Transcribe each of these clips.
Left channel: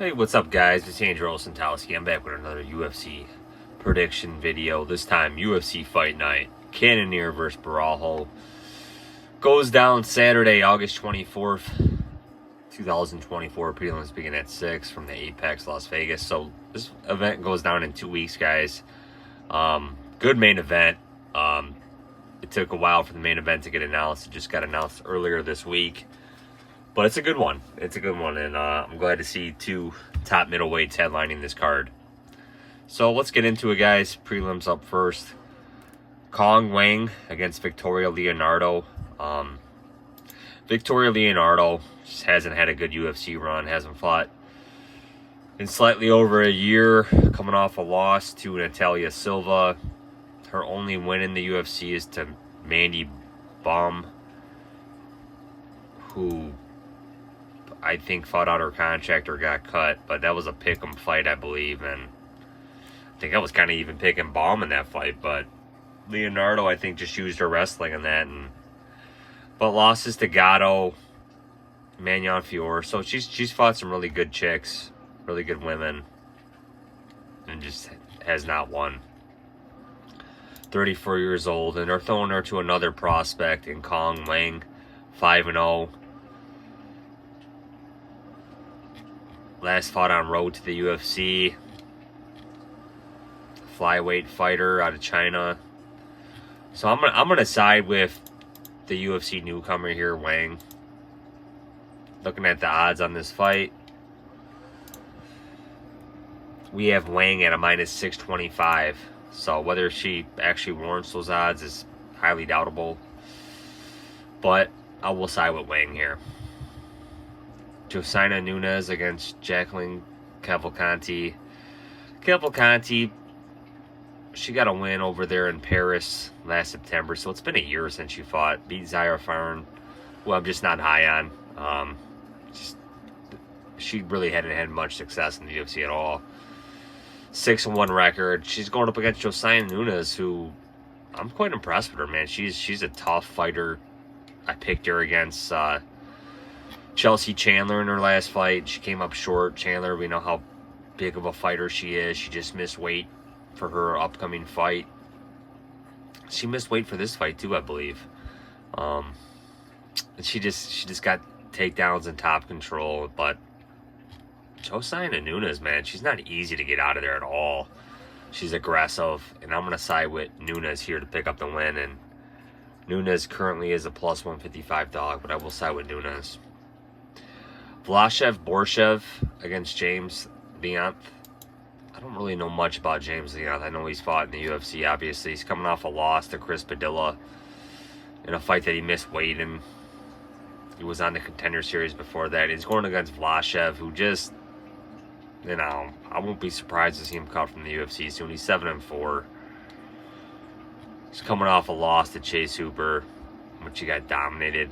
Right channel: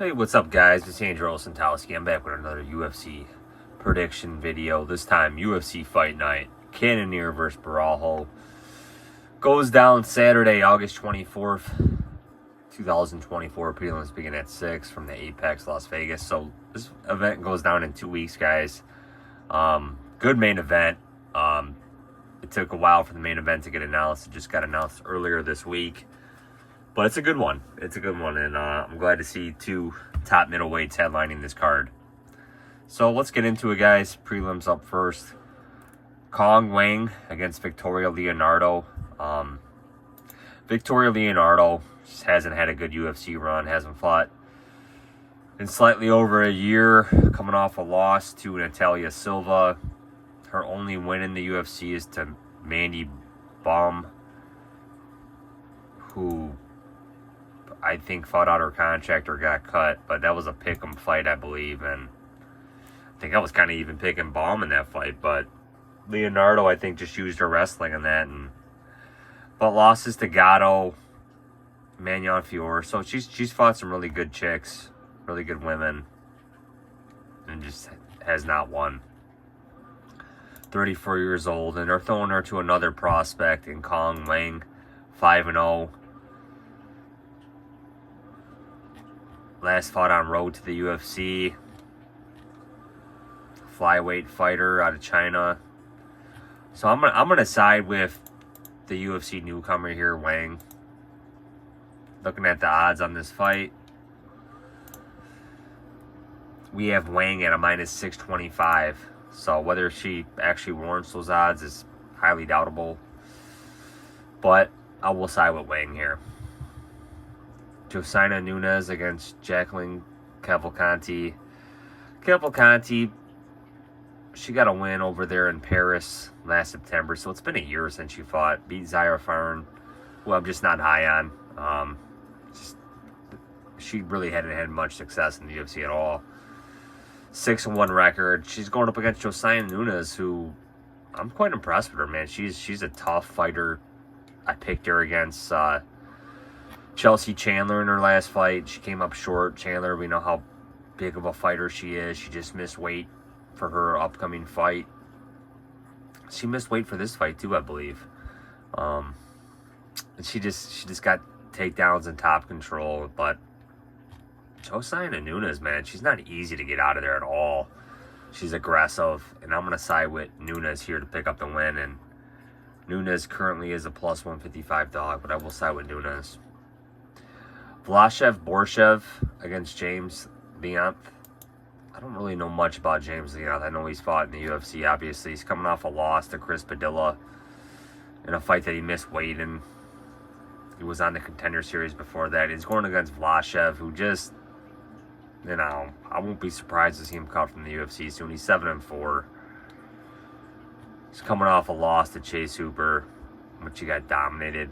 Hey, what's up, guys? It's Andrew Santowski. I'm back with another UFC prediction video. This time, UFC Fight Night. Cannonier versus Borralho. Goes down Saturday, August 24th, 2024. Prelims begin at 6 from the Apex, Las Vegas. So, this event goes down in 2 weeks, guys. Good main event. It took a while for the main event to get announced. It just got announced earlier this week. But it's a good one. It's a good one, and I'm glad to see two top middleweights headlining this card. So let's get into it, guys. Prelims up first. Wang against Victoria Leonardo. Victoria Leonardo just hasn't had a good UFC run. Hasn't fought in slightly over a year. Coming off a loss to Natalia Silva. Her only win in the UFC is to Mandy Baum, who I think fought out her contract or got cut, but that was a pick'em fight, I believe, and I think I was kind of even picking Baum in that fight, but Leonardo, I think, just used her wrestling in that, but losses to Gatto, Magnon Fiore, so she's fought some really good chicks, really good women, and just has not won. 34 years old, and they're throwing her to another prospect in Wang, 5-0. Last fought on road to the UFC. Flyweight fighter out of China. So I'm gonna side with the UFC newcomer here, Wang. Looking at the odds on this fight, we have Wang at a -625. So whether she actually warrants those odds is highly doubtable. But I will side with Wang here. Josina Nunes against Jacqueline Cavalcanti. Cavalcanti, she got a win over there in Paris last September, so it's been a year since she fought. Beat Zaire Farn, who I'm just not high on. She really hadn't had much success in the UFC at all. 6-1 record. She's going up against Josina Nunes, who I'm quite impressed with her, man. She's a tough fighter. I picked her against Chelsea Chandler in her last fight. She came up short. Chandler, we know how big of a fighter she is. She just missed weight for her upcoming fight. She missed weight for this fight too, I believe. And she just got takedowns and top control. But Josina Nunes, man, she's not easy to get out of there at all. She's aggressive, and I'm gonna side with Nunes here to pick up the win. And Nunes currently is a +155 dog, but I will side with Nunes. Borshchev against James Leonth. I don't really know much about James Leonth. I know he's fought in the UFC, obviously. He's coming off a loss to Chris Padilla in a fight that he missed weight in. He was on the Contender Series before that. He's going against Borshchev, who just, I won't be surprised to see him cut from the UFC soon. He's 7-4. He's coming off a loss to Chase Hooper, which he got dominated.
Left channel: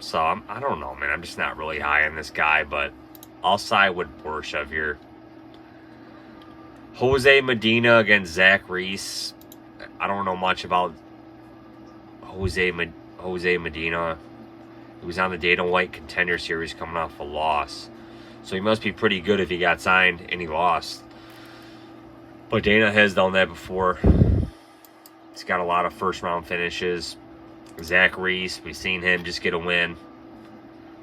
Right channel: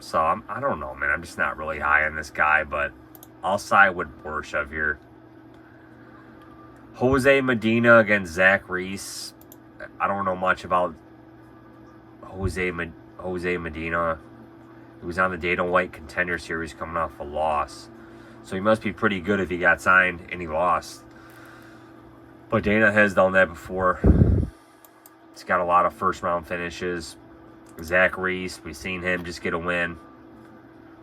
So, I don't know, man. I'm just not really high on this guy, but I'll side with Borshchev here. Jose Medina against Zach Reese. I don't know much about Jose Medina. He was on the Dana White Contender Series coming off a loss. So he must be pretty good if he got signed and he lost. But Dana has done that before. He's got a lot of first-round finishes. Zach Reese, we've seen him just get a win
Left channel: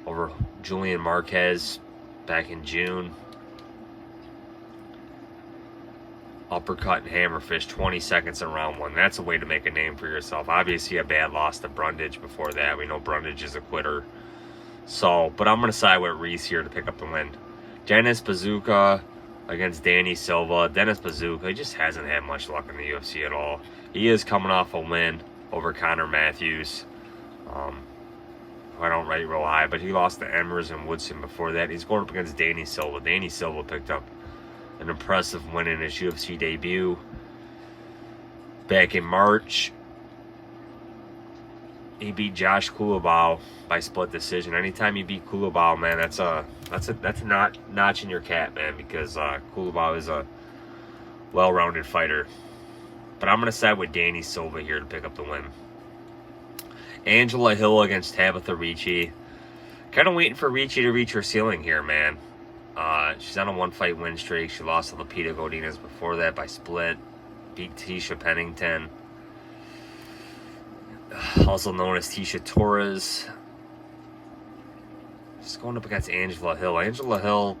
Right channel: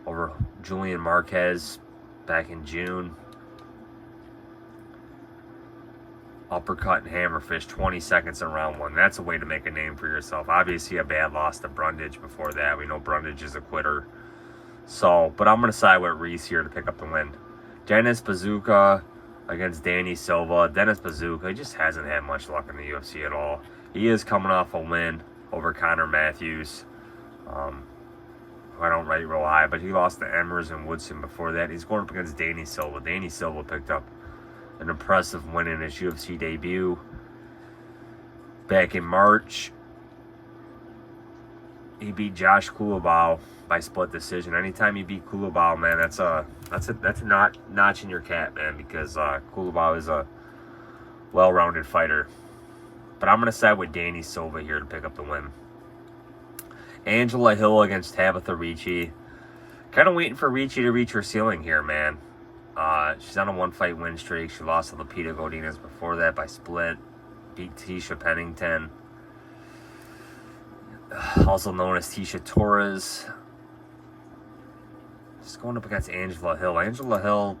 over Julian Marquez back in June. Uppercut and hammerfish, 20 seconds in round 1. That's a way to make a name for yourself. Obviously, a bad loss to Brundage before that. We know Brundage is a quitter. So, but I'm going to side with Reese here to pick up the win. Dennis Bazooka against Danny Silva. Dennis Bazooka, he just hasn't had much luck in the UFC at all. He is coming off a win over Connor Matthews. I don't rate real high, but he lost to Emmers and Woodson before that. He's going up against Danny Silva. Danny Silva picked up an impressive win in his UFC debut back in March. He beat Josh Kulabau by split decision. Anytime you beat Kulabau, man, that's a notch in your cap, man, because Kulabau is a well-rounded fighter. But I'm going to side with Danny Silva here to pick up the win. Angela Hill against Tabitha Ricci. Kind of waiting for Ricci to reach her ceiling here, man. She's on a 1-fight win streak. She lost to Lupita Godinez before that by split. Beat Tisha Pennington, also known as Tisha Torres. She's going up against Angela Hill. Angela Hill,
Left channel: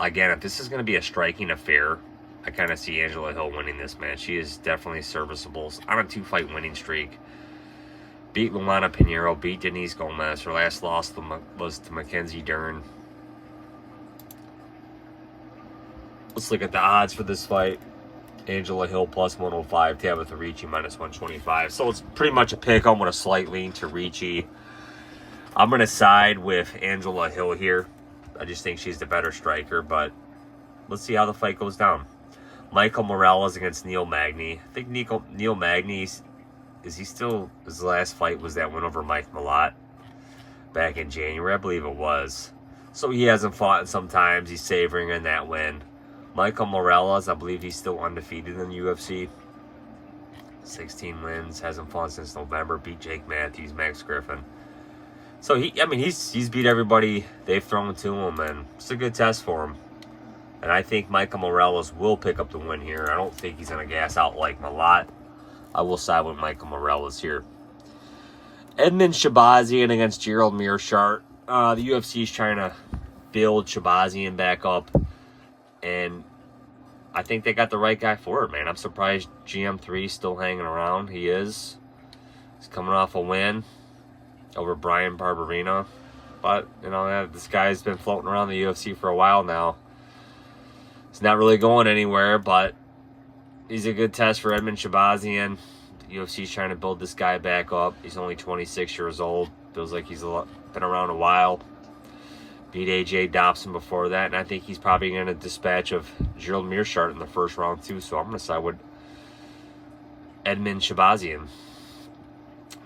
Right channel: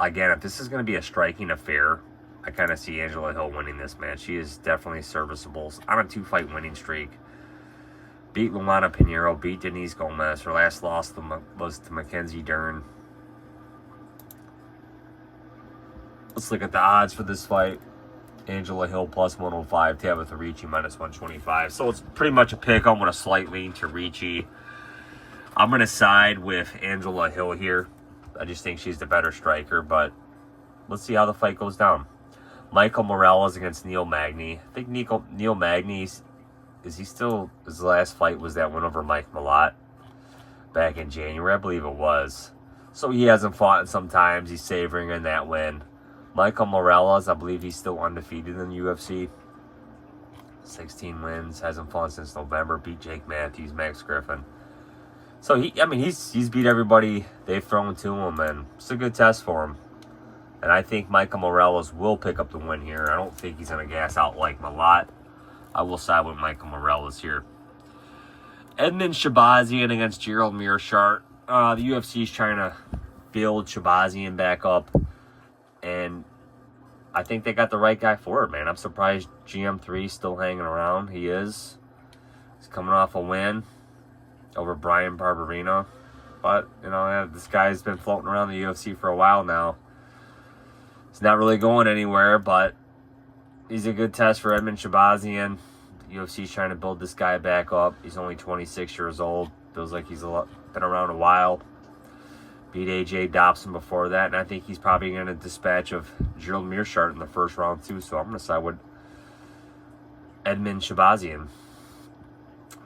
again, if this is going to be a striking affair, I kind of see Angela Hill winning this match. She is definitely serviceable. On a 2-fight winning streak. Beat Luana Pinheiro, beat Denise Gomez. Her last loss was to Mackenzie Dern. Let's look at the odds for this fight. Angela Hill plus 105, Tabitha Ricci minus 125. So it's pretty much a pick. I'm with a slight lean to Ricci. I'm going to side with Angela Hill here. I just think she's the better striker, but let's see how the fight goes down. Michael Morales against Neil Magny. I think Neil Magny, his last fight was that win over Mike Malott back in January, I believe it was. So he hasn't fought in some times. He's savoring in that win. Michael Morales, I believe he's still undefeated in the UFC. 16 wins, hasn't fought since November. Beat Jake Matthews, Max Griffin. So he's beat everybody they've thrown to him, and it's a good test for him. And I think Michael Morales will pick up the win here. I don't think he's going to gas out like Malott. I will side with Michael Morales here. Edmund Shahbazyan against Gerald Meerschaert. The UFC is trying to build Shahbazyan back up. And I think they got the right guy for it, man. I'm surprised GM3 is still hanging around. He is. He's coming off a win over Brian Barberina. But, this guy's been floating around the UFC for a while now. He's not really going anywhere, but he's a good test for Edmund Shahbazyan. The UFC's trying to build this guy back up. He's only 26 years old. Feels like he's been around a while. Beat AJ Dobson before that, and I think he's probably going to dispatch of Gerald Meerschaert in the first round too. So I'm going to side with Edmund Shahbazyan.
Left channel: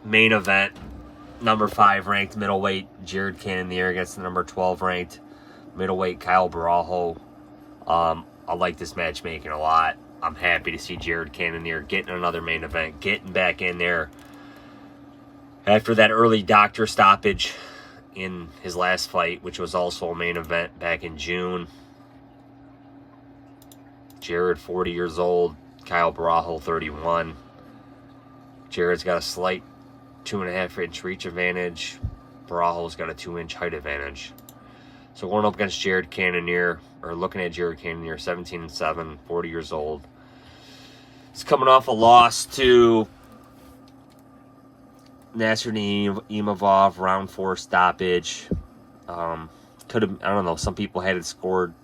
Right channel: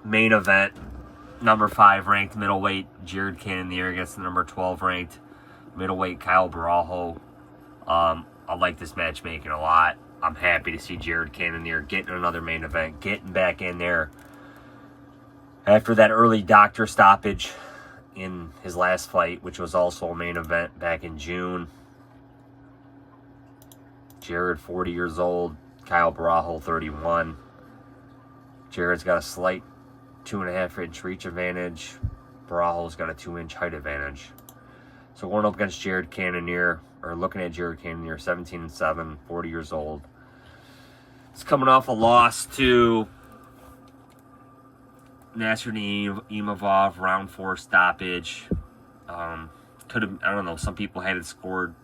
Main event, number 5 ranked middleweight Jared Cannonier against the number 12 ranked middleweight Kyle Borralho. I like this matchmaking a lot. I'm happy to see Jared Cannonier getting another main event, getting back in there after that early doctor stoppage in his last fight, which was also a main event back in June. Jared, 40 years old. Kyle Borralho, 31. Jared's got a slight 2.5-inch reach advantage. Borralho's got a 2-inch height advantage. So going up against Jared Cannonier, or looking at Jared Cannonier, 17-7, 40 years old. He's coming off a loss to Nasruddin Imavov, round 4 stoppage. Could have, I don't know, some people had it scored,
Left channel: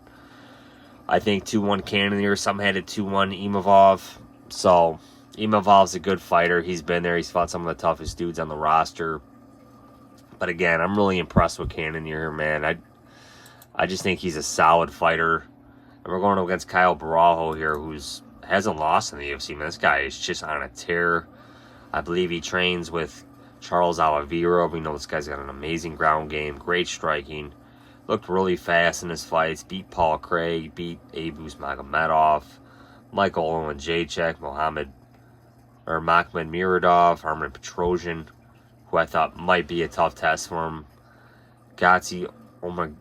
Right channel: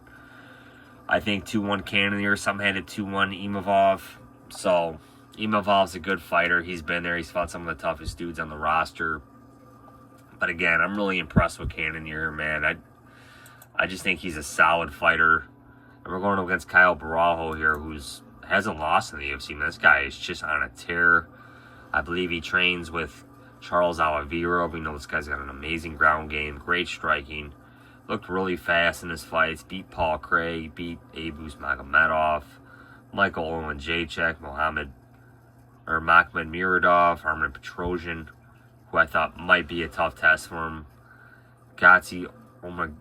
I think, 2-1 Cannonier. Some had it 2-1 Imavov. So Imavov's a good fighter. He's been there. He's fought some of the toughest dudes on the roster. But again, I'm really impressed with Cannonier, man. I just think he's a solid fighter. And we're going up against Kyle Borralho here, who's hasn't lost in the UFC. Man, this guy is just on a tear. I believe he trains with Charles Oliveira. We know this guy's got an amazing ground game, great striking. Looked really fast in his fights. Beat Paul Craig, beat Abus Magomedov, Michael Owen Jacek, Makhmud Muradov, Armen Petrosian, who I thought might be a tough test for him. Gazi Omar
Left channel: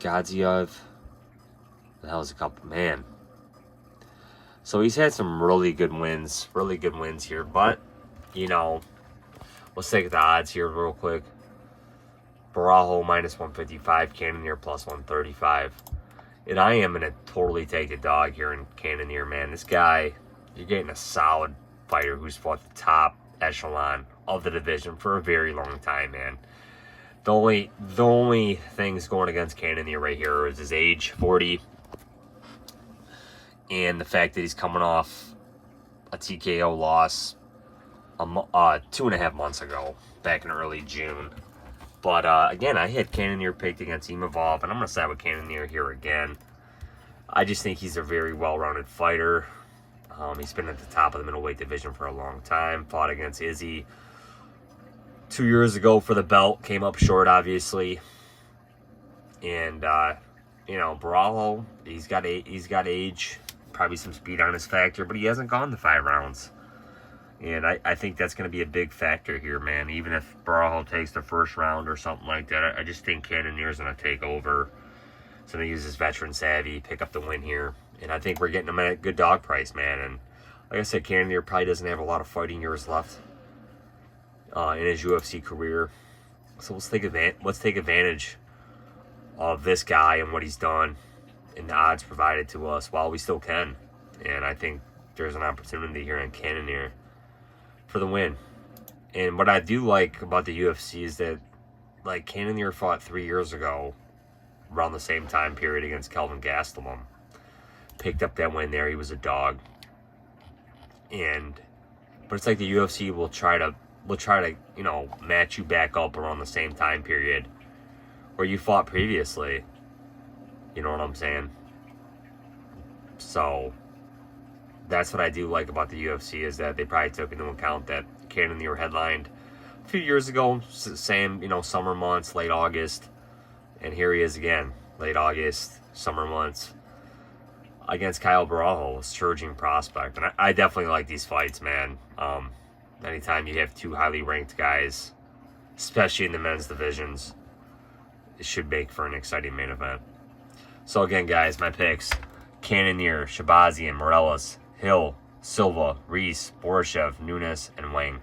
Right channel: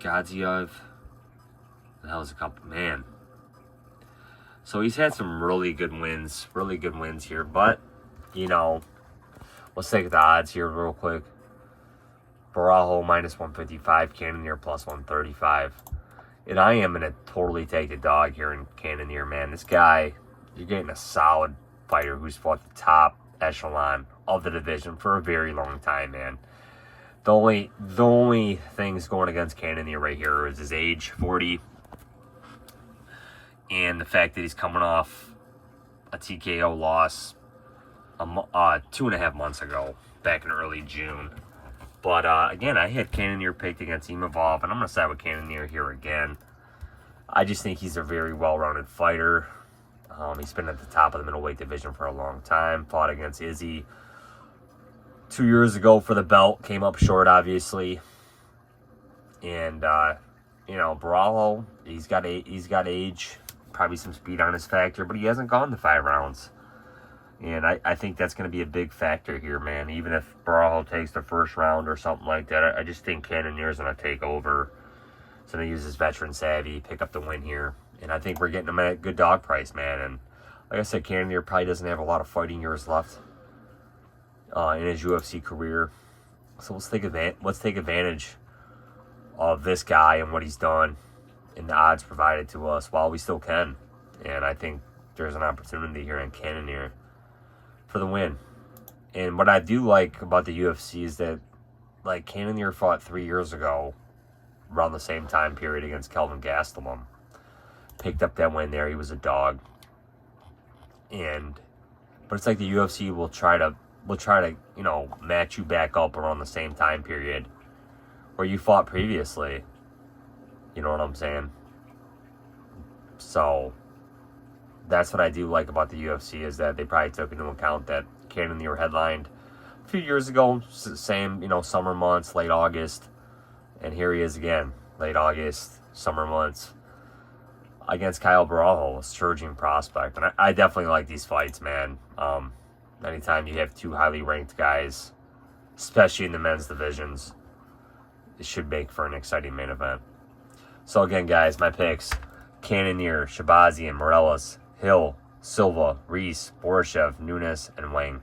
Gadziev. The hell is a couple, man. So he's had some really good wins here. But, let's take the odds here real quick. Borralho minus 155, Cannonier plus 135. And I am going to totally take the dog here in Cannonier, man. This guy, you're getting a solid fighter who's fought the top echelon of the division for a very long time, man. The only things going against Cannonier right here is his age, 40. And the fact that he's coming off a TKO loss 2.5 months ago, back in early June. But again, I had Cannonier picked against Imavov, and I'm going to side with Cannonier here again. I just think he's a very well-rounded fighter. He's been at the top of the middleweight division for a long time. Fought against Izzy 2 years ago for the belt. Came up short, obviously. And, Borralho, he's got age. Probably some speed on his factor, but he hasn't gone the 5 rounds. And I think that's going to be a big factor here, man. Even if Borralho takes the first round or something like that, I just think Cannonier's going to take over. So they use his veteran savvy, pick up the win here. And I think we're getting him at a good dog price, man. And like I said, Cannonier probably doesn't have a lot of fighting years left in his UFC career. So let's take advantage of this guy and what he's done and the odds provided to us while we still can. And I think there's an opportunity here in Cannonier for the win. And what I do like about the UFC is that, like, Cannonier fought 3 years ago around the same time period against Kelvin Gastelum. Picked up that win there. He was a dog. But it's like the UFC will try to, you know, match you back up around the same time period where you fought previously. You know what I'm saying? So that's what I do like about the UFC, is that they probably took into account that Cannonier headlined a few years ago, same, you know, summer months, late August, and here he is again, late August, summer months, against Kyle Borralho, a surging prospect. And I definitely like these fights, man. Anytime you have two highly ranked guys, especially in the men's divisions, it should make for an exciting main event. So again, guys, my picks: Cannonier, Shahbazyan, Morales, Hill, Silva, Reese, Borshchev, Nunes, and Wang.